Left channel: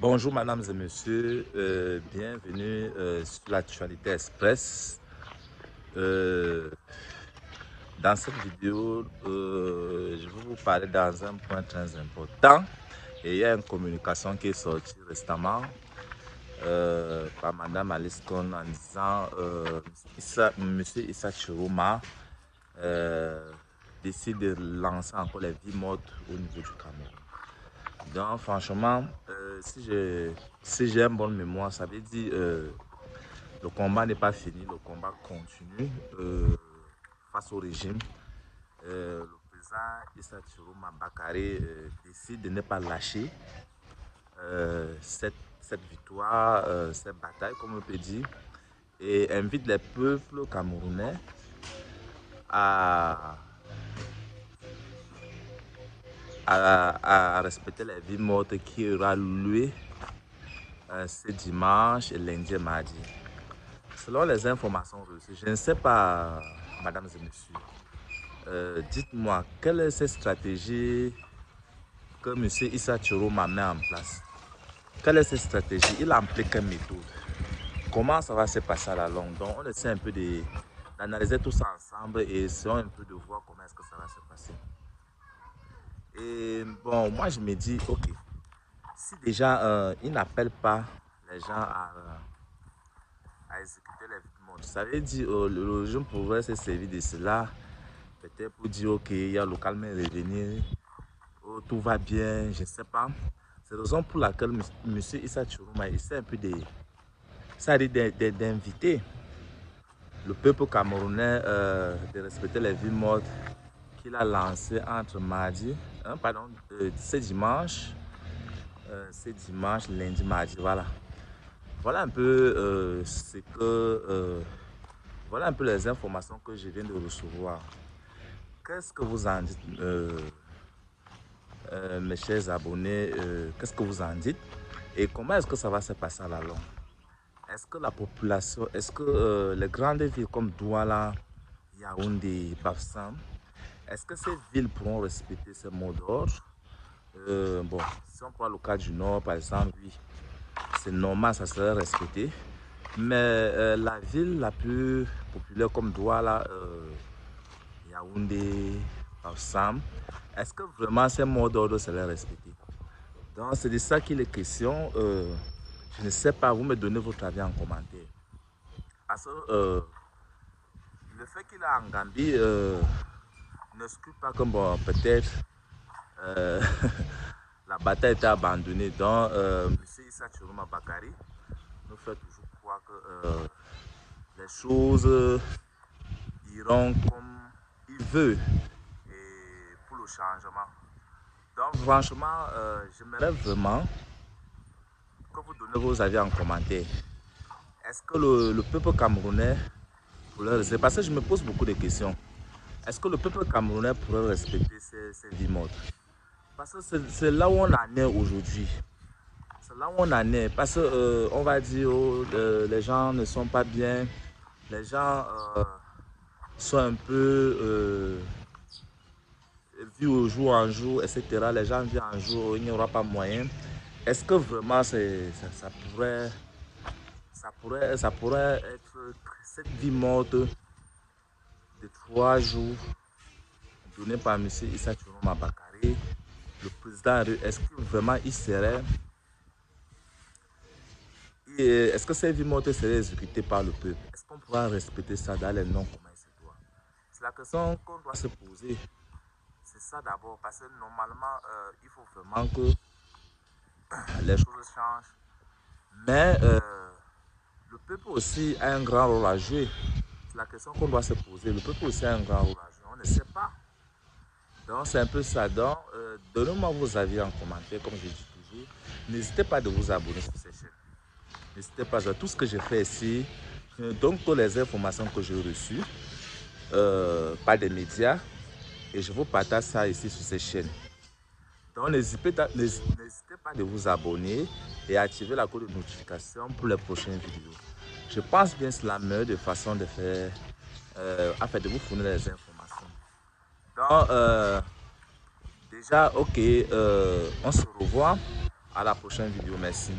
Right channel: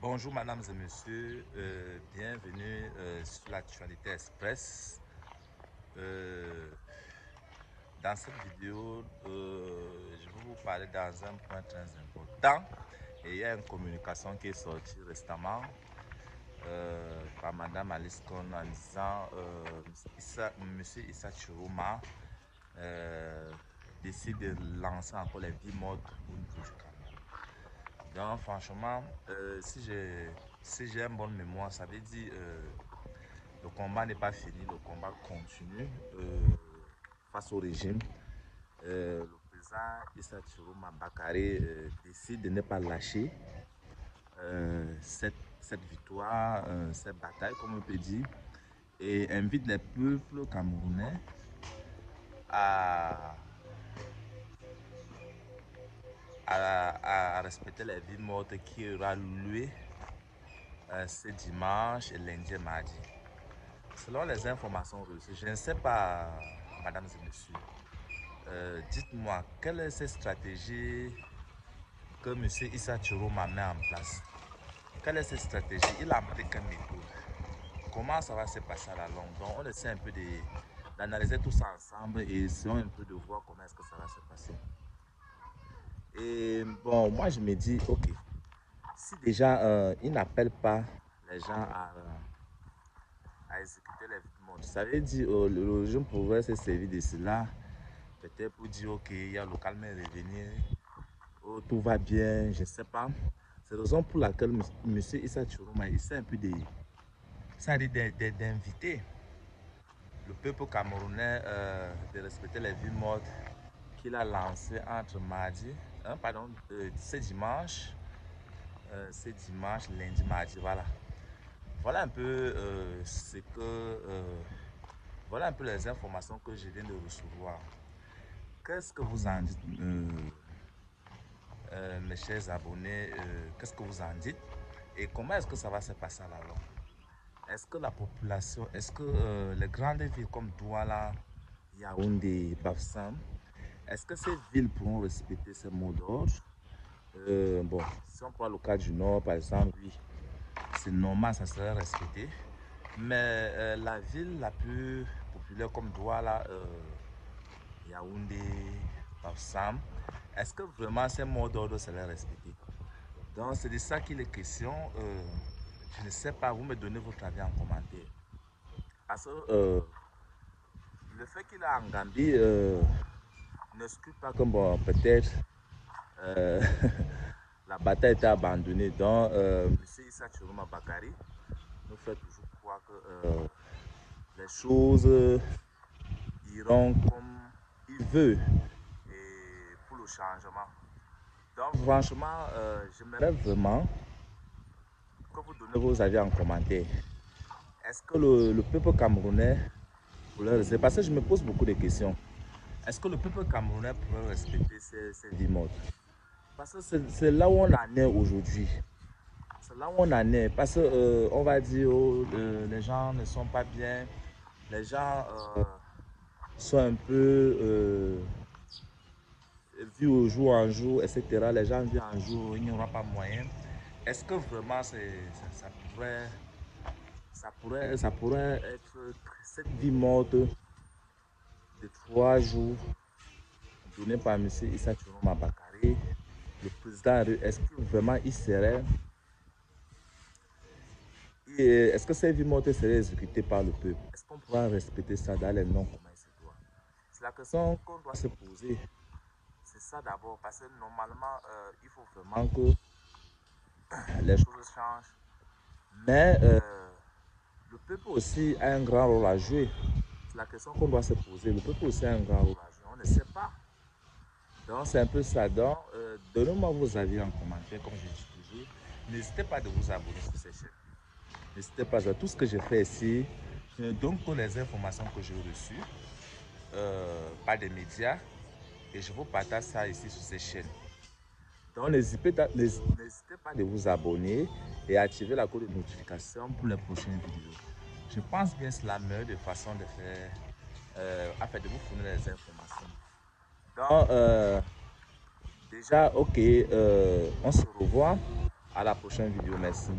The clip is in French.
Bonjour mesdames et messieurs, bienvenue sur l'actualité express. Euh, dans cette vidéo, je vais vous parler dans un point très important. Et il y a une communication qui est sortie récemment par Madame Alice Cohn en disant Monsieur Issa Chiroma décide de lancer encore les vies mortes au niveau du Cameroun. Donc franchement, si j'ai une bonne mémoire, ça veut dire le combat n'est pas fini, le combat continue face au régime. Le président Issa Chiroma Bakary décide de ne pas lâcher cette victoire, cette bataille, comme on peut dire, et invite les peuples camerounais à, à respecter les vies mortes qui aura loué ce dimanche, lundi et mardi. Selon les informations reçues, je ne sais pas, mesdames et messieurs, dites-moi, quelle est cette stratégie que M. Issa Chiroma met en place? Quelle est cette stratégie? Il a employé quelle méthode? Comment ça va se passer à la longue? Donc, on essaie un peu d'analyser tout ça ensemble et essayons un peu de voir comment est-ce que ça va se passer. Et bon, moi je me dis, ok, si déjà il n'appelle pas les gens à exécuter les victimes, ça veut dire le jeune pourrait se servir de cela, peut-être pour dire, ok, il y a le calme est revenu, oh, tout va bien, je ne sais pas. C'est la raison pour laquelle M. Issa Chiroma essaie un peu d'inviter le peuple camerounais de respecter les vies mortes qu'il a lancées entre mardi, ce dimanche, lundi, mardi, voilà. Voilà un peu voilà un peu les informations que je viens de recevoir. Qu'est-ce que vous en dites, mes chers abonnés? Qu'est-ce que vous en dites? Et comment est-ce que ça va se passer à la longue? Est-ce que la population, est-ce que les grandes villes comme Douala, Yaoundé, Bafoussam, est-ce que ces villes pourront respecter ces mots d'ordre? Bon, si on prend le cas du Nord, par exemple, oui, c'est normal, ça serait respecté. Mais la ville la plus populaire comme Douala, Yaoundé, Bafoussam, est-ce que vraiment ces mots d'ordre seraient respectés? Donc, c'est de ça qu'il est question. Je ne sais pas, vous me donnez votre avis en commentaire. Parce que le fait qu'il est en Gambie n'exclut pas que bon, peut-être la bataille était abandonnée. Donc, M. Issa Chiroma Bakary nous fait toujours croire que les choses iront comme il veut et pour le changement. Donc, franchement, j'aimerais vraiment que vous donnez vos avis en commentaire. Est-ce que le peuple camerounais pourrait respecter? Parce que je me pose beaucoup de questions. Est-ce que le peuple camerounais pourrait respecter ces vies mortes? Parce que c'est là où on en est aujourd'hui. C'est là où on en est. Parce que on va dire oh, les gens ne sont pas bien. Les gens sont un peu vus au jour en jour, etc. Les gens vivent en jour, il n'y aura pas moyen. Est-ce que vraiment ça pourrait être cette vie morte de 3 jours donnée par M. Issa Chiroma Bakary, le président, est-ce que vraiment il serait, est-ce que ces vies mortes seraient exécutées par le peuple? Est-ce qu'on pourra respecter ça dans les noms comment il se doit? C'est la question qu'on doit se poser. C'est ça d'abord, parce que normalement, il faut vraiment que les choses changent. Mais le peuple aussi a un grand rôle à jouer. C'est la question qu'on doit se poser. Le peuple aussi a un grand rôle à jouer. On ne sait pas. Donc c'est un peu ça. Donc donnez-moi vos avis en commentaire, comme je dis toujours. N'hésitez pas de vous abonner sur cette chaîne. N'hésitez pas à tout ce que je fais ici. Je donne toutes les informations que j'ai reçues par des médias et je vous partage ça ici sur cette chaîne. Donc n'hésitez pas de vous abonner et activer la cloche de notification pour les prochaines vidéos. Je pense bien que c'est la meilleure façon de faire, afin de vous fournir les informations. Donc déjà, ok, on se revoit À la prochaine vidéo. Merci.